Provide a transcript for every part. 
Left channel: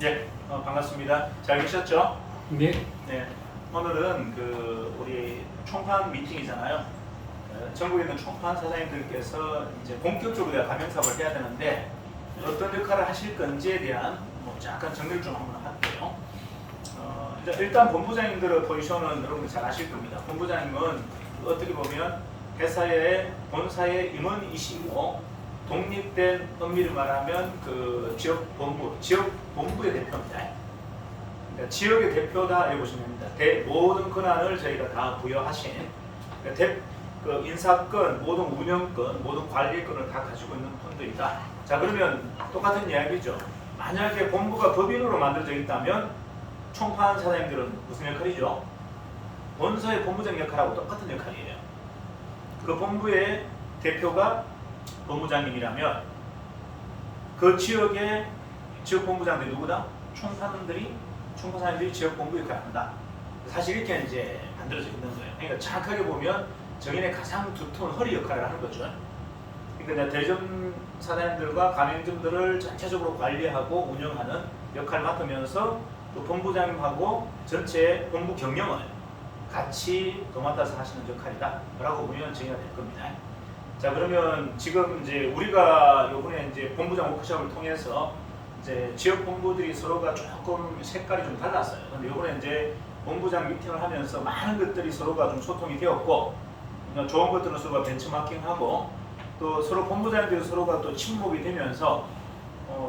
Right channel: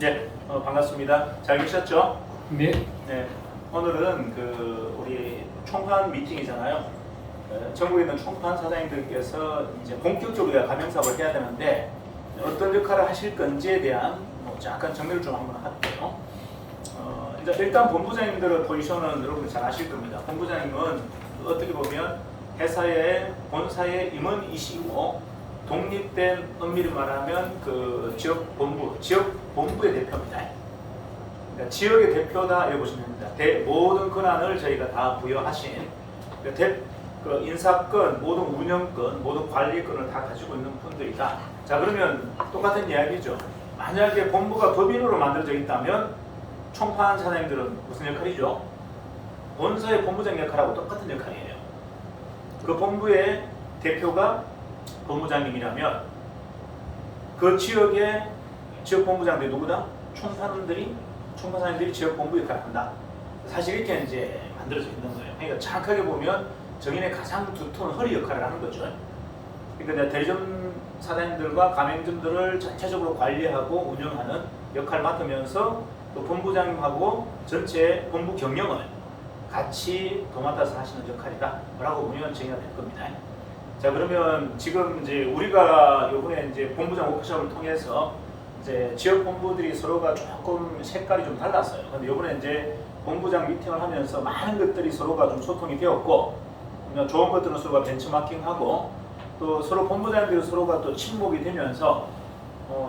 네, 반갑습니다. 잘 계셨죠? 네. 네, 오늘은 우리 총판 미팅이잖아요. 전국에 있는 총판 사장님들께서 이제 본격적으로 가맹 사업을 해야 되는데 어떤 역할을 하실 건지에 대한 약간 정리를 좀 한번 할게요. 이제 일단 본부장님들의 포지션은 여러분들 잘 아실 겁니다. 본부장님은 어떻게 보면 회사의 본사의 임원이시고 독립된 엄밀히 말하면 지역 본부의 대표입니다. 그러니까 지역의 대표다 이렇게 보시면 됩니다. 모든 권한을 저희가 다 부여하신 인사권, 모든 운영권, 모든 관리권을 다 가지고 있는 분들이다. 자, 그러면 똑같은 이야기죠. 만약에 본부가 법인으로 만들어져 있다면 총판 사장님들은 무슨 역할이죠? 본사의 본부장 역할하고 똑같은 역할이에요. 그 본부의 대표가 본부장님이라면 그 지역의 지역 본부장들이 누구다? 총판사님들이 지역 본부 역할을 한다. 사실 이렇게 이제 만들어져 있는 거예요. 그러니까 정확하게 보면 정인의 가장 두터운 허리 역할을 하는 거죠. 그러니까 대리점 사장님들과 가맹점들을 전체적으로 관리하고 운영하는 역할을 맡으면서 또 본부장님하고 전체 본부 경영을 같이 도맡아서 하시는 역할이다 라고 보면 정의가 될 겁니다. 자, 그러면 지금 이제 우리가 요번에 이제 본부장 워크숍을 통해서 이제 지역 본부들이 서로가 조금 색깔이 좀 달랐어요. 근데 요번에 이제 본부장 미팅을 하면서 많은 것들이 서로가 좀 소통이 되었고, 좋은 것들은 서로가 벤치마킹하고, 또 서로 본부장들이 서로가 또 친목이 되면서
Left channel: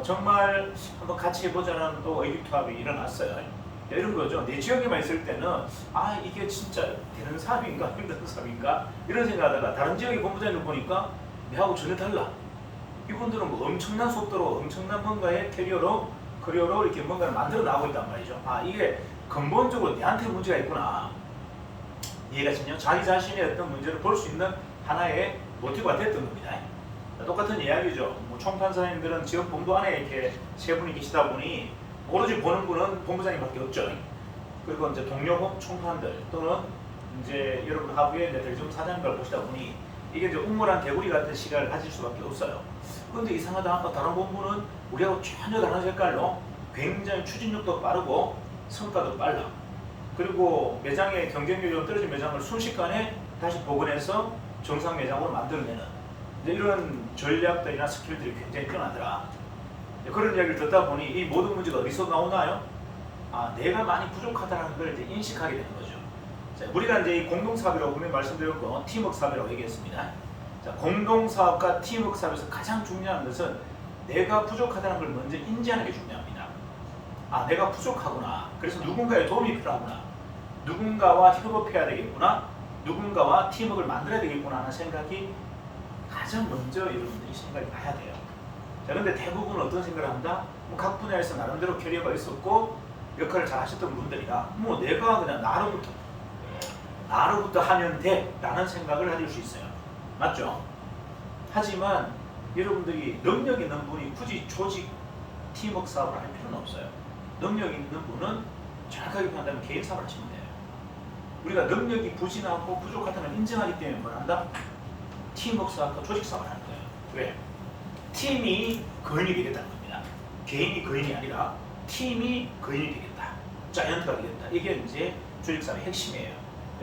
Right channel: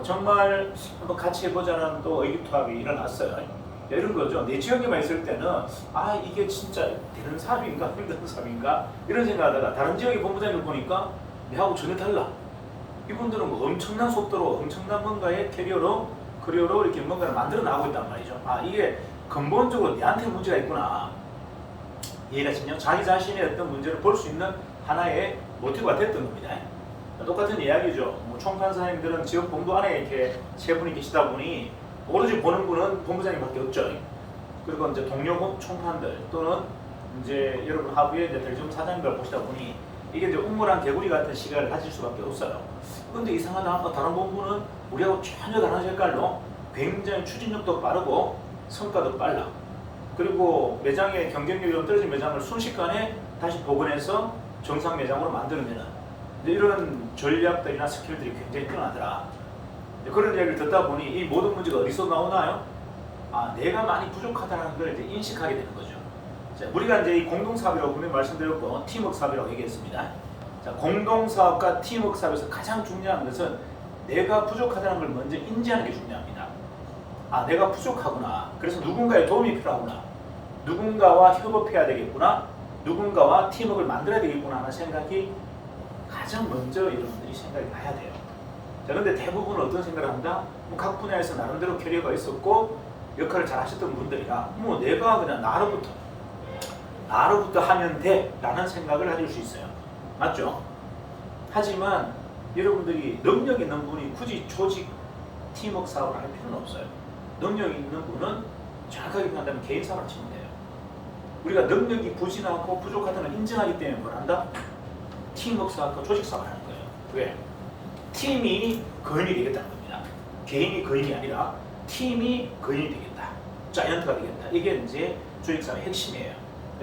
정말 한번 같이 해보자는 또 의기투합이 일어났어요. 이런 거죠. 내 지역에만 있을 때는 이게 진짜 되는 사업인가 힘든 사업인가 이런 생각하다가 다른 지역의 본부장님 보니까 내하고 전혀 달라. 이분들은 뭐 엄청난 속도로 엄청난 뭔가의 커리어로 이렇게 뭔가를 만들어 나가고 있단 말이죠. 이게 근본적으로 내한테 문제가 있구나. 이해가 되시죠? 자기 자신의 어떤 문제를 볼 수 있는 하나의 모티브가 됐던 겁니다. 똑같은 이야기죠. 총판사님들은 지역 본부 안에 이렇게 세 분이 계시다 보니 오로지 보는 분은 본부장님밖에 없죠. 그리고 이제 동료 총판들 또는 이제 여러분 하부에 이제 대리점 사장님들 보시다 보니 이게 이제 우물한 개구리 같은 시각을 가질 수밖에 없어요. 그런데 이상하다. 아까 다른 본부는 우리하고 전혀 다른 색깔로 굉장히 추진력도 빠르고 성과도 빨라. 그리고 매장의 경쟁력이 떨어진 매장을 순식간에 다시 복원해서 정상 매장으로 만들어내는 이런 전략들이나 스킬들이 굉장히 뛰어나더라. 그런 이야기를 듣다 보니 이 모든 문제가 어디서 나오나요? 내가 많이 부족하다는 걸 이제 인식하게 되는 거죠. 자, 우리가 이제 이 공동사업이라고 분명히 말씀드렸고 팀워크 사업이라고 얘기했습니다. 자, 공동사업과 팀워크 사업에서 가장 중요한 것은 내가 부족하다는 걸 먼저 인지하는 게 중요합니다. 내가 부족하구나. 그래서 누군가의 도움이 필요하구나. 누군가와 협업해야 되겠구나. 누군가와 팀워크를 만들어야 되겠구나 하는 생각이 가장 먼저 여러분들이 생각이 나야 돼요. 자, 그런데 대부분 어떤 생각을 한다? 각 분야에서 나름대로 캐리어가 있었고 역할을 잘 하셨던 분들이야. 내가 그냥 나로부터 하면 돼 라는 생각을 가질 수 있어요. 맞죠? 하지만 여러분들이 능력 있는 분이 굳이 조직 팀워크 사업을 할 필요는 없어요. 능력 있는 분은 정확하게 표현하면 개인 사업을 하시면 돼요. 우리가 능력이 부진하고 부족하다는 걸 인정하기 때문에 뭘 한다? 팀워크 사업과 조직 사업을 하는 거예요. 왜? 팀이 거인이 되겠다는 겁니다. 개인이 거인이 아니라 팀이 거인이 되겠다. 자이언트가 되겠다. 이게 이제 조직사업의 핵심이에요.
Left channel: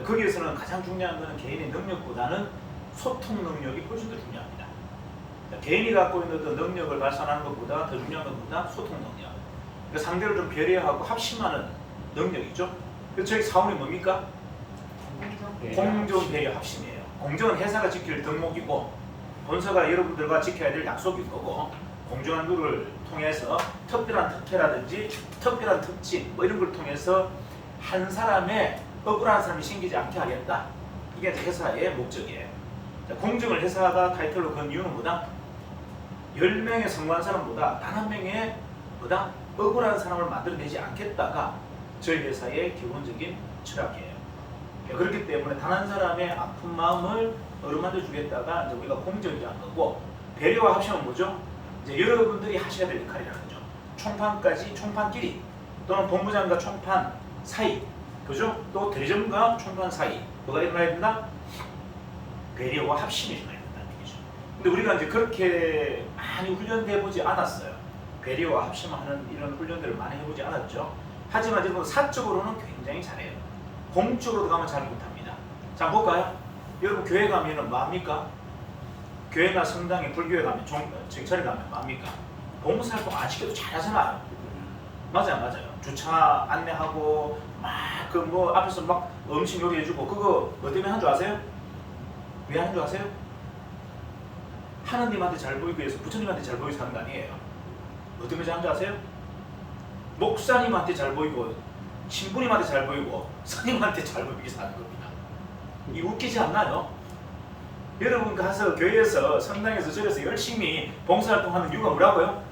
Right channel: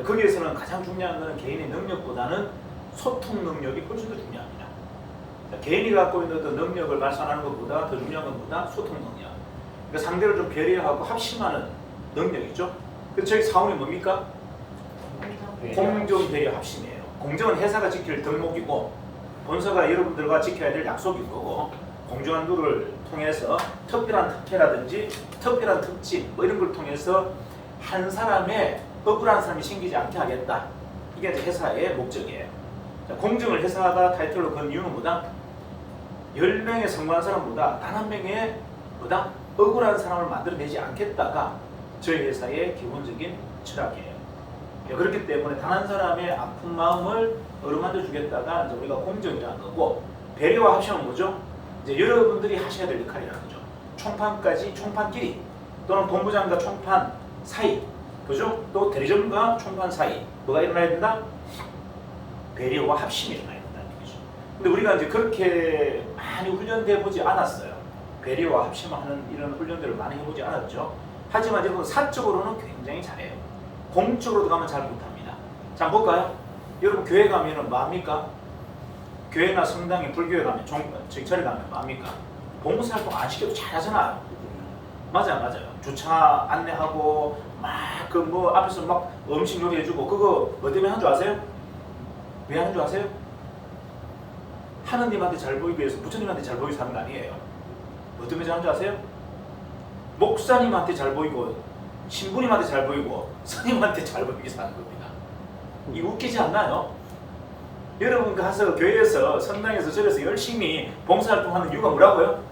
거기에서는 가장 중요한 것은 개인의 능력보다는 소통 능력이 훨씬 더 중요합니다. 개인이 갖고 있는 어떤 능력을 발산하는 것보다 더 중요한 것보다 소통 능력. 그러니까 상대를 좀 배려하고 합심하는 능력이죠. 그래서 저희 사원이 뭡니까? 공정 배려 합심이에요. 공정은 회사가 지킬 덕목이고 본사가 여러분들과 지켜야 될 약속인 거고, 공정한 룰을 통해서 특별한 특혜라든지 특별한 특징 이런 걸 통해서 한 사람의 억울한 사람이 생기지 않게 하겠다. 이게 이제 회사의 목적이에요. 자, 공정을 회사가 타이틀로 건 이유는 뭐다? 10명의 성공한 사람보다 단 한 명의 억울한 사람을 만들어내지 않겠다가 저희 회사의 기본적인 철학이에요. 그렇기 때문에 단 한 사람의 아픈 마음을 어루만져 주겠다가 이제 우리가 공정이라는 거고, 배려와 합심은 뭐죠? 이제 여러분들이 하셔야 될 역할이라는 거죠. 총판끼리 또는 본부장과 총판 사이, 그죠? 또 대리점과 총판 사이 뭐가 일어나야 된다? 배려와 합심이 일어나야 된다는 거죠. 근데 우리가 이제 그렇게 많이 훈련돼 보지 않았어요. 배려와 합심하는 이런 훈련들을 많이 해보지 않았죠. 하지만 여러분 사적으로는 굉장히 잘해요. 공적으로 가면 잘 못합니다. 자 볼까요? 여러분 교회 가면은 뭐합니까? 교회나 성당에 불교에 가면 정철에 가면 뭐합니까? 봉사활동 안 시켜도 잘하잖아요. 맞아요. 주차 안내하고 막 그 뭐 앞에서 막 음식 요리해주고 그거 뭐 때문에 하는 줄 아세요? 왜 하는 줄 아세요? 하느님한테 잘 보이기 위해서 부처님한테 잘 보이기 하는 거 아니에요. 뭐 때문에 하는 줄 아세요? 목사님한테 잘 보이고 신부님한테 잘 보이고 스님한테 잘 보이기 위해서 하는 겁니다. 이 웃기지 않나요? 여러분 가서 교회에서 성당에서 절에서 열심히 봉사활동하는 이유가 뭐라고요?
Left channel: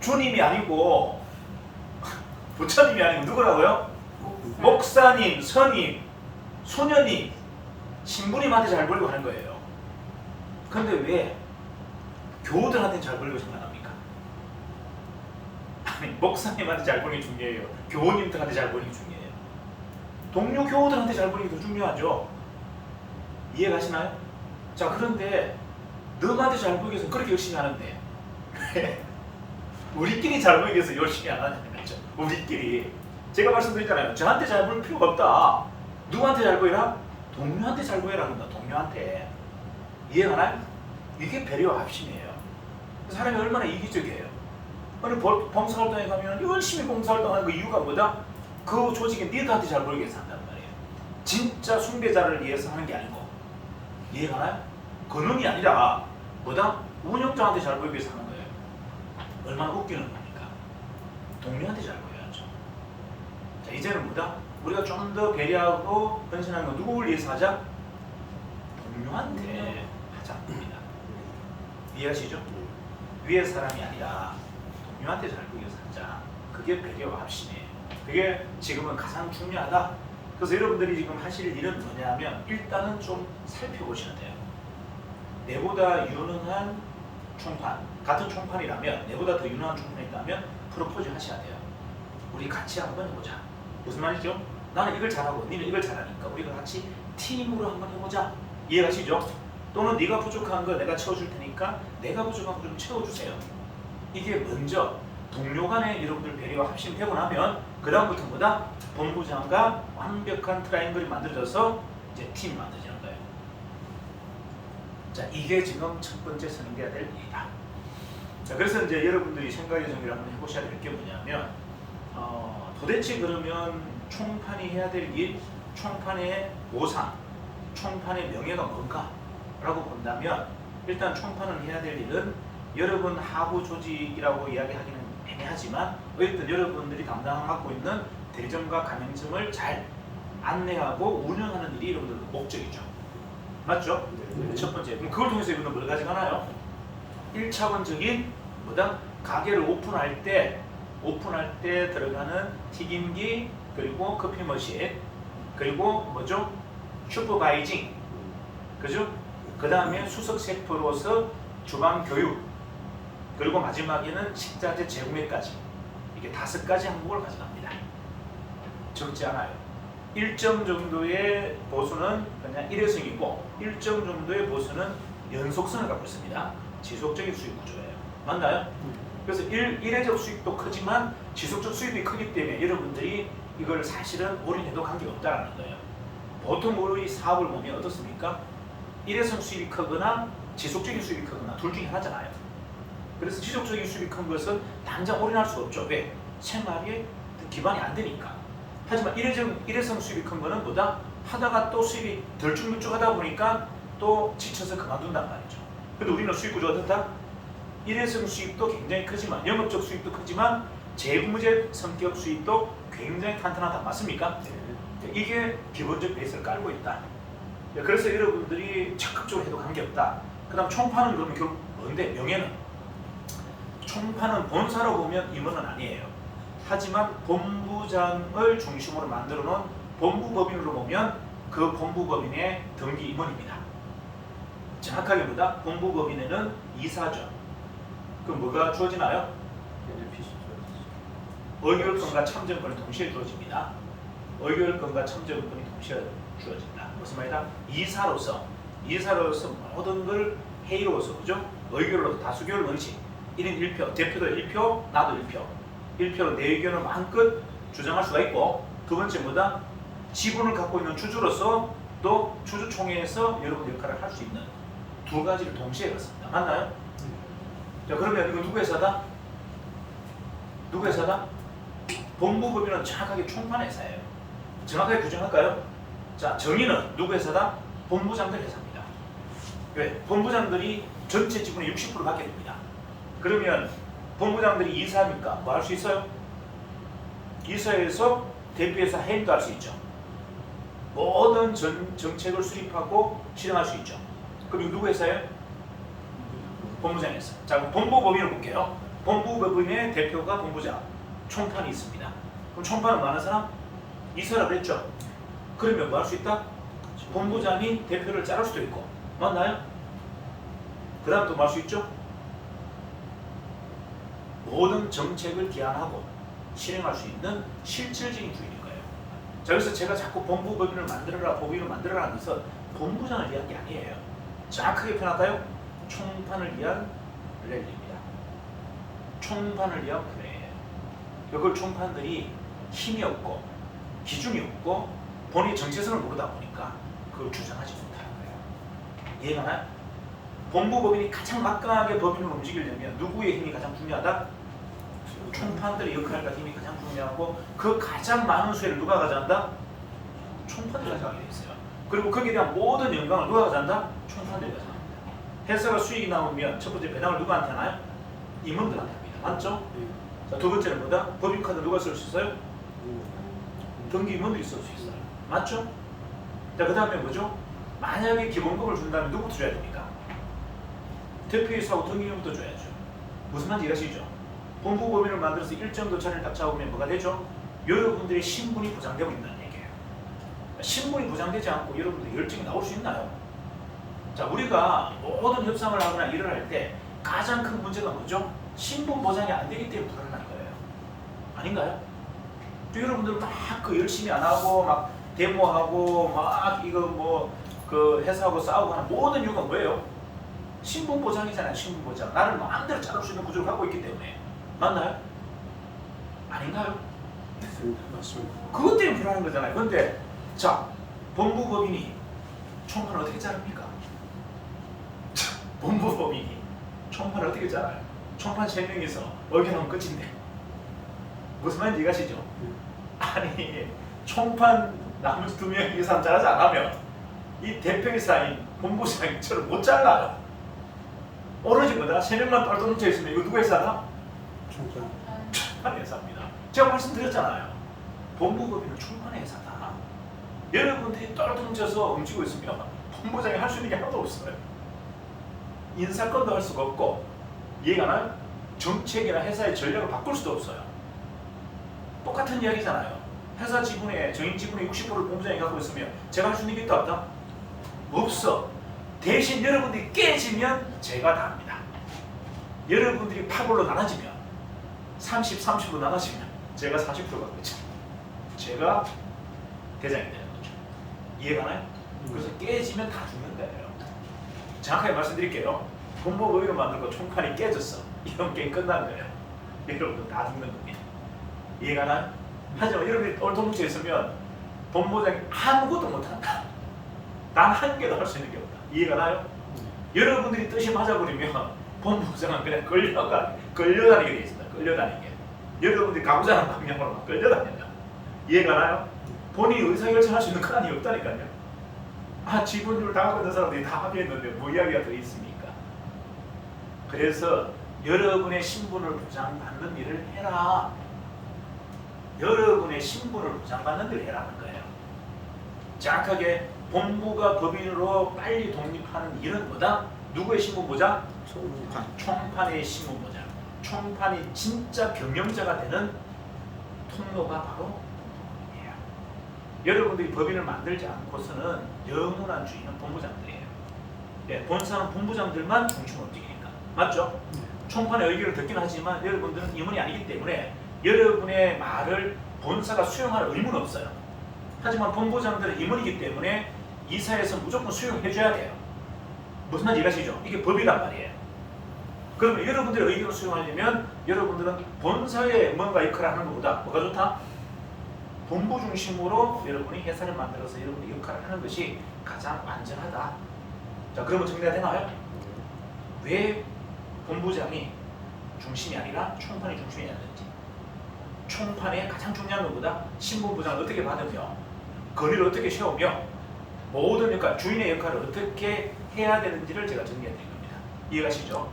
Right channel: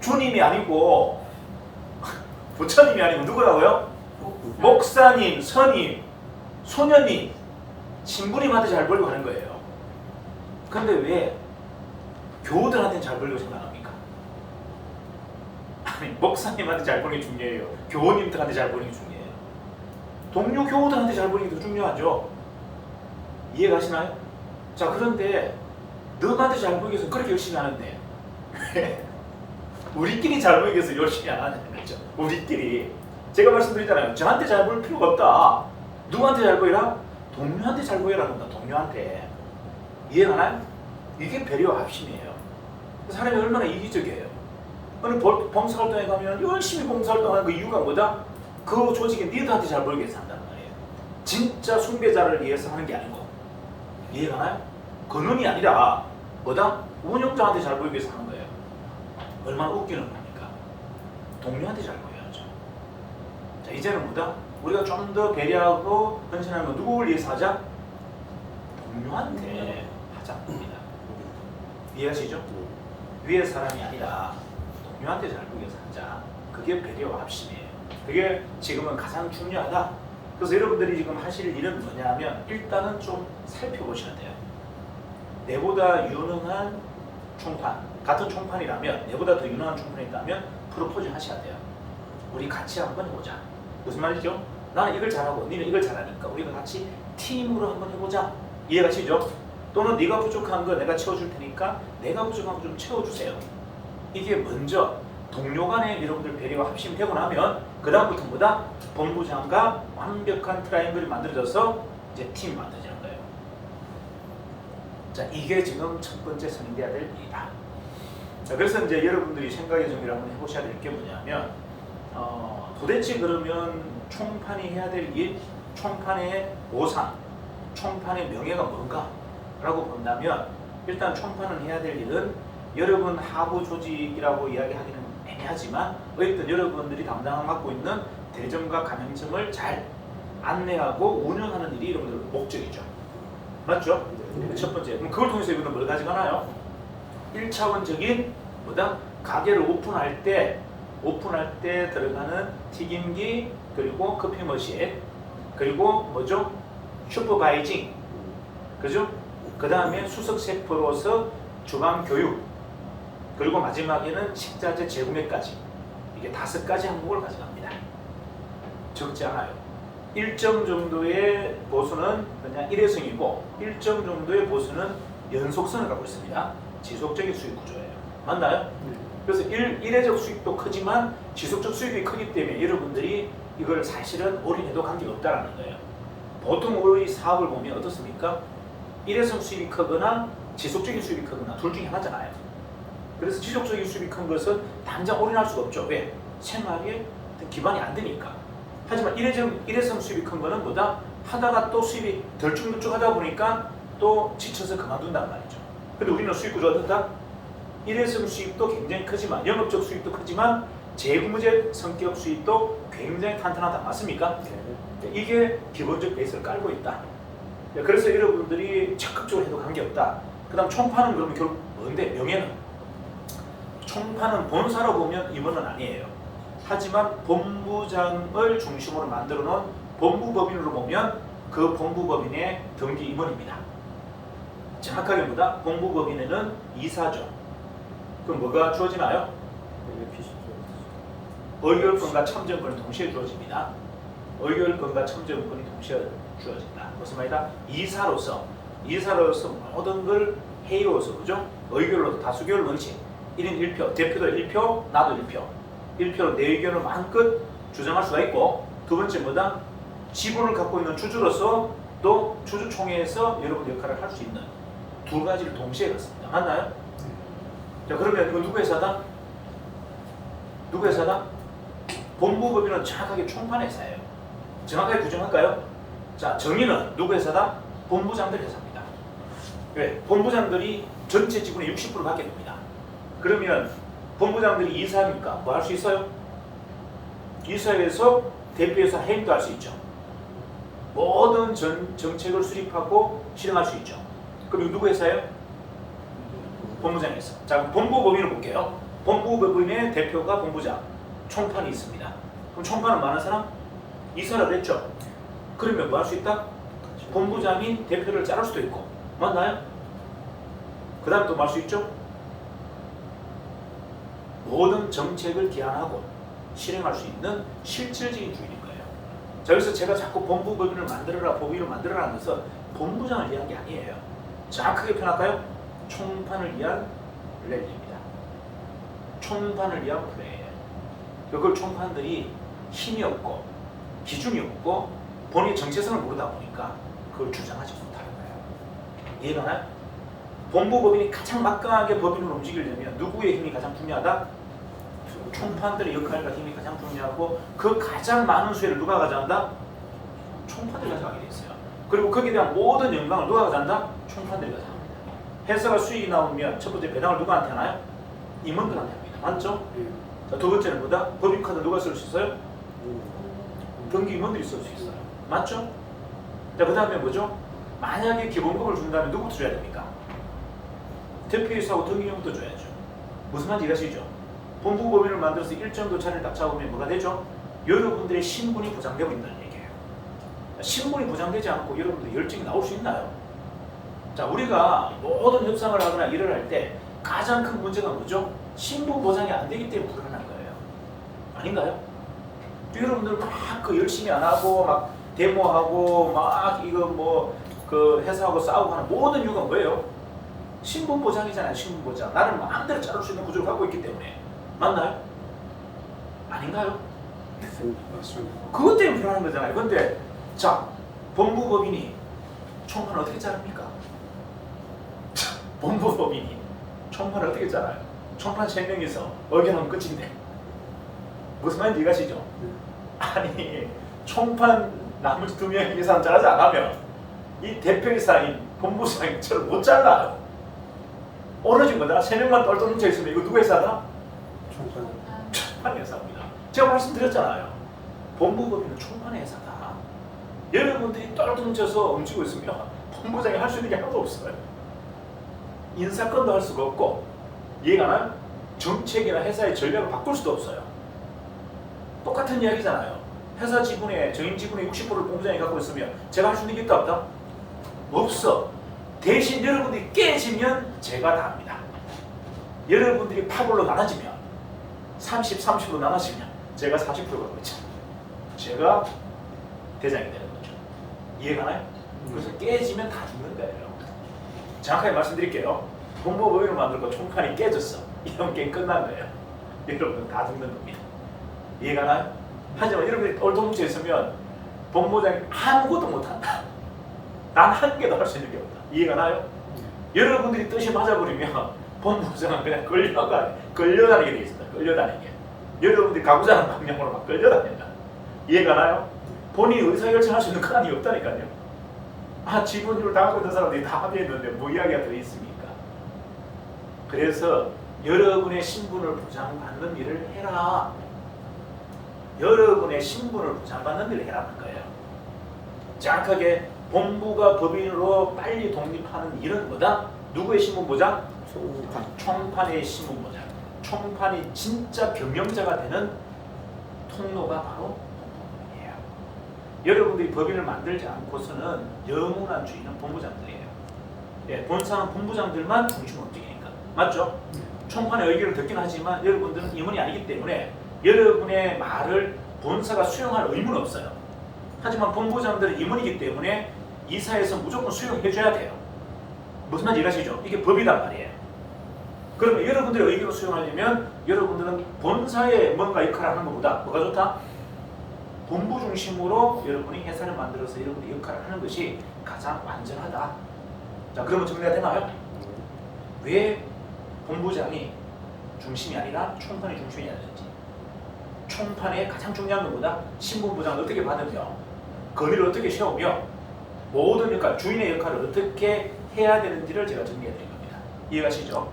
주님이 아니고 부처님이 아니고 누구라고요? 목사님, 스님, 소녀님, 신부님한테 잘 보이려고 하는 거예요. 근데 왜 교우들한테 잘 보이려고 생각합니까? 아니 목사님한테 잘 보이는 게 중요해요. 교우님들한테 잘 보이는 게 중요해요. 동료 교우들한테 잘 보이는 게 더 중요하죠. 이해가시나요? 자 그런데 너한테 잘 보이기 위해서 그렇게 열심히 하는데 왜 우리끼리 잘 보이기 위해서 열심히 안 하는 거죠. 우리끼리 제가 말씀드리잖아요. 저한테 잘 보일 필요가 없다. 누구한테 잘 보이라? 동료한테 잘 보이라 합니다. 동료한테. 이해가나요? 이게 배려와 합심이에요. 사람이 얼마나 이기적이에요. 어느 봉사활동에 가면 열심히 봉사활동하는 그 이유가 뭐다? 그 조직에 니들한테 잘 보이기 위해서 한다는 거예요. 진짜 숭배자를 위해서 하는 게 아니고. 이해가나요? 그놈이 아니라 뭐다? 운영자한테 잘 보이기 위해서 하는 거예요. 얼마나 웃기는 겁니까? 동료한테 잘 보여야죠. 자 이제는 뭐다? 우리가 좀 더 배려하고 헌신하는 건 누구를 위해서 하자? 동료한테 하자는 겁니다. 이해하시죠? 위의 사람이 아니라 동료한테 잘 보이기 위해서 하자. 그게 배려와 합심이에요. 그게 지금은 가장 중요하다. 그래서 여러분들이 지금 하실 일은 뭐냐면 일단은 좀 살펴보셔야 돼요. 내보다 유능한 총판, 같은 총판이라면 내보다 더 유능한 총판이 있다면 프로포즈 하셔야 돼요. 우리 같이 한번 해보자. 무슨 말이죠? 나는 이걸 잘하고 너는 이걸 잘하니까 우리가 같이 팀으로 한번 해보자. 이해가시죠? 또는 네가 부족한 거 내가 채워줄 테니까 내가 부족한 거 좀 채워주세요. 이게 먼저 동료 간에 여러분들 배려가 합심되고 나면 그 다음부터 보다 본부장과 완벽한 트라이앵글이 만들어져서 이제 팀 만들자는 거예요. 자 이게 지금 첫 번째 선행돼야 될 일이다. 자 그래서 이제 여러분들이 생각의 정리를 한번 해보셔야 될 게 뭐냐면 도대체 그러면 총판이 해야 될 일, 총판의 보상, 총판의 명예가 뭔가? 라고 본다면 일단 총판을 해야 될 일은 여러분 하부 조직이라고 이야기하기는 애매하지만 어쨌든 여러분들이 맡고 있는 대점과 가맹점을 잘 안내하고 운영하는 일이 여러분들 목적이죠. 맞죠? 첫 번째. 그럼 그걸 통해서 여러분들 뭘 가져가나요? 1차원적인 뭐다? 가게를 오픈할 때 들어가는 튀김기 그리고 커피 머신 그리고 뭐죠? 슈퍼바이징 그죠? 그 다음에 수석 셰프로서 주방 교육 그리고 마지막에는 식자재 재구매까지 이게 5가지 항목을 가져갑니다. 적지 않아요. 일정 정도의 보수는 그냥 일회성이고 일정 정도의 보수는 연속성을 갖고 있습니다. 지속적인 수익 구조예요. 맞나요? 그래서 일회적 수익도 크지만 지속적 수익이 크기 때문에 여러분들이 이걸 사실은 올인해도 관계가 없다는 거예요. 보통 우리 사업을 보면 어떻습니까? 일회성 수익이 크거나 지속적인 수익이 크거나 둘 중에 하나잖아요. 그래서 지속적인 수익이 큰 것은 당장 올인할 수가 없죠. 왜? 생활에 기반이 안 되니까. 하지만 일회성 수익이 큰 거는 뭐다? 하다가 또 수익이 덜쭉물쭉하다 보니까 또 지쳐서 그만둔단 말이죠. 근데 우리는 수익 구조가 어떻다? 일회성 수익도 굉장히 크지만 영업적 수익도 크지만 재무제 성격 수익도 굉장히 탄탄하다. 맞습니까? 네. 이게 기본적 베이스를 깔고 있다. 그래서 여러분들이 적극적으로 해도 관계없다. 그 다음 총판은 그러면 결국 뭔데? 명예는? 총판은 본사로 보면 임원은 아니에요. 하지만 본부장을 중심으로 만들어 놓은 본부법인으로 보면 그 본부법인의 등기 임원입니다. 정확하게 보다 본부법인에는 이사죠. 그럼 뭐가 주어지나요? 의결권과 참정권이 동시에 주어집니다. 의결권과 참정권이 동시에 주어진다. 무슨 말이다? 이사로서 모든 걸 회의로서 그죠? 의결로 다수결 원칙 1인 1표, 대표도 1표, 나도 1표. 1표로 내 의견을 마음껏 주장할 수가 있고 두 번째 뭐다? 지분을 갖고 있는 주주로서 또 주주총회에서 여러분 역할을 할 수 있는 두 가지를 동시에 갖습니다. 맞나요? 자, 그러면 이거 누구 회사다? 누구 회사다? 본부법인은 정확하게 총판 회사예요. 정확하게 규정할까요? 자, 정의는 누구 회사다? 본부장들 회사입니다. 왜? 본부장들이 전체 지분의 60%를 갖게 됩니다. 그러면 본부장들이 이사하니까 뭐 할 수 있어요? 이사에서 대표이사 해임도 할 수 있죠. 모든 정책을 수립하고 실행할 수 있죠. 그럼 이거 누구 회사예요? 본부장 회사. 자, 그럼 본부법인을 볼게요. 본부법인의 대표가 본부장, 총판이 있습니다. 그럼 총판은 뭐 하는 사람? 이사라 됐죠. 그러면 뭐 할 수 있다? 본부장이 대표를 자를 수도 있고, 맞나요? 그 다음 또 뭐 할 수 있죠? 모든 정책을 기한하고 실행할 수 있는 실질적인 주인인 거예요. 자, 여기서 제가 자꾸 본부법인을 만들어라, 법인을 만들어라 하면서 본부장을 위한 게 아니에요. 정확하게 표현할까요? 총판을 위한 플레이입니다. 총판을 위한 플레이예요. 그걸 총판들이 힘이 없고 기준이 없고 본인의 정체성을 모르다 보니까 그걸 주장하지 못하는 거예요. 이해가 나요? 본부법인이 가장 막강하게 법인을 움직이려면 누구의 힘이 가장 중요하다? 총판들의 역할과 힘이 가장 중요하고 그 가장 많은 수혜를 누가 가져간다? 총판들이 가져가게 돼 있어요. 그리고 거기에 대한 모든 영광을 누가 가져간다? 총판들이 가져갑니다. 회사가 수익이 나오면 첫 번째 배당을 누구한테 하나요? 임원들한테 합니다. 맞죠? 자, 두 번째는 뭐다? 법인카드 누가 쓸 수 있어요? 등기 임원들이 쓸 수 있어요. 맞죠? 자, 그 다음에 뭐죠? 만약에 기본급을 준다면 누구부터 줘야 됩니까? 대표이사하고 등기 임원부터 줘야죠. 무슨 말인지 이해하시죠? 본부법인을 만들어서 일정 도차를 딱 잡으면 뭐가 되죠? 여러분들의 신분이 보장되고 있다는 얘기예요. 신분이 보장되지 않고 여러분들 열정이 나올 수 있나요? 자, 우리가 모든 협상을 하거나 일을 할 때 가장 큰 문제가 뭐죠? 신분 보장이 안 되기 때문에 불안한 거예요. 아닌가요? 또 여러분들 막 그 열심히 안 하고 막 데모하고 막 이거 뭐 그 회사하고 싸우고 하는 모든 이유가 뭐예요? 신분 보장이잖아요. 신분 보장. 나를 마음대로 자를 수 있는 구조를 갖고 있기 때문에. 맞나요? 아닌가요? 맞습니다. 그것 때문에 불안한 거잖아요. 근데 자, 본부법인이 총판을 어떻게 자릅니까? 본부법인이 총판을 어떻게 짜나요? 총판 3명이서 의견하면 끝인데 무슨 말인지 이해가시죠? 아니 총판 나머지 2명이 이 사람 잘하지 않으면 이 대표이사인 본부장이 저를 못 잘라요. 오로지 뭐다? 3명만 똘똘 뭉쳐 있으면 이거 누구 회사다? 총판. 총판 회사입니다. 제가 말씀드렸잖아요. 본부법인은 총판 회사다. 여러분들이 똘똘 뭉쳐서 움직이고 있으면 본부장이 할 수 있는 게 하나도 없어요. 인사권도 할 수가 없고 이해가 나요? 정책이나 회사의 전략을 바꿀 수도 없어요. 똑같은 이야기잖아요. 회사 지분의 정인 지분의 60%를 본부장이 갖고 있으면 제가 할 수 있는 게 있다 없다? 없어. 대신 여러분들이 깨지면 제가 다 합니다. 여러분들이 8월로 나눠지면 30, 30으로 나눠지면 제가 40%가 되죠. 제가 대장이 되는 거죠. 이해가 나요? 그래서 깨지면 다 죽는 거예요. 정확하게 말씀드릴게요. 본부법인을 만들고 총판이 깨졌어. 이런 게임 끝난 거예요. 여러분들 다 죽는 겁니다. 이해가 나요? 하지만 여러분들이 똘똘 뭉쳐 있으면 본부장이 아무것도 못한다. 단 한 개도 할 수 있는 게 없다. 이해가 나요? 여러분들이 뜻이 맞아버리면 본부장은 그냥 끌려다니게 돼 있습니다. 끌려다니게. 여러분들이 가고자 하는 방향으로 막 끌려다닌다. 이해가 나요? 본인이 의사결정할 수 있는 권한이 없다니까요. 아, 지분율 다 갖고 있는 사람들이 다 합의했는데 뭐 이야기가 더 있습니까? 그래서 여러분의 신분을 보장받는 일을 해라. 여러분의 신분을 보장받는 일을 해라는 거예요. 정확하게 본부가 법인으로 빨리 독립하는 일은 뭐다? 누구의 신분 보장? 총판. 총판의 신분 보장. 총판이 진짜 경영자가 되는 통로가 바로 본부법인이에요. 여러분들이 법인을 만들지 않고서는 영원한 주인은 본부장들이에요. 예, 본사는 본부장들만 공충 움직이니까. 맞죠? 총판의 의견을 듣긴 하지만 여러분들은 임원이 아니기 때문에 여러분의 말을 본사가 수용할 의무는 없어요. 하지만 본부장들은 임원이기 때문에 이사에서 무조건 수용해 줘야 돼요. 무슨 말인지 이해가시죠? 이게 법이란 말이에요. 그러면 여러분들의 의견을 수용하려면 여러분들은 본사에 뭔가 역할을 하는 것보다 뭐가 좋다? 본부 중심으로 여러분이 회사를 만들어서 여러분이 역할을 하는 것이 가장 안전하다. 자, 그러면 정리가 되나요? 왜 본부장이 중심이 아니라 총판이 중심이 아니는지. 총판의 가장 중요한 것보다 신분부장을 어떻게 받으며 건의를 어떻게 세우며 모든 그러니까 주인의 역할을 어떻게 해야 되는지를 제가 정리해 드린 겁니다. 이해가시죠?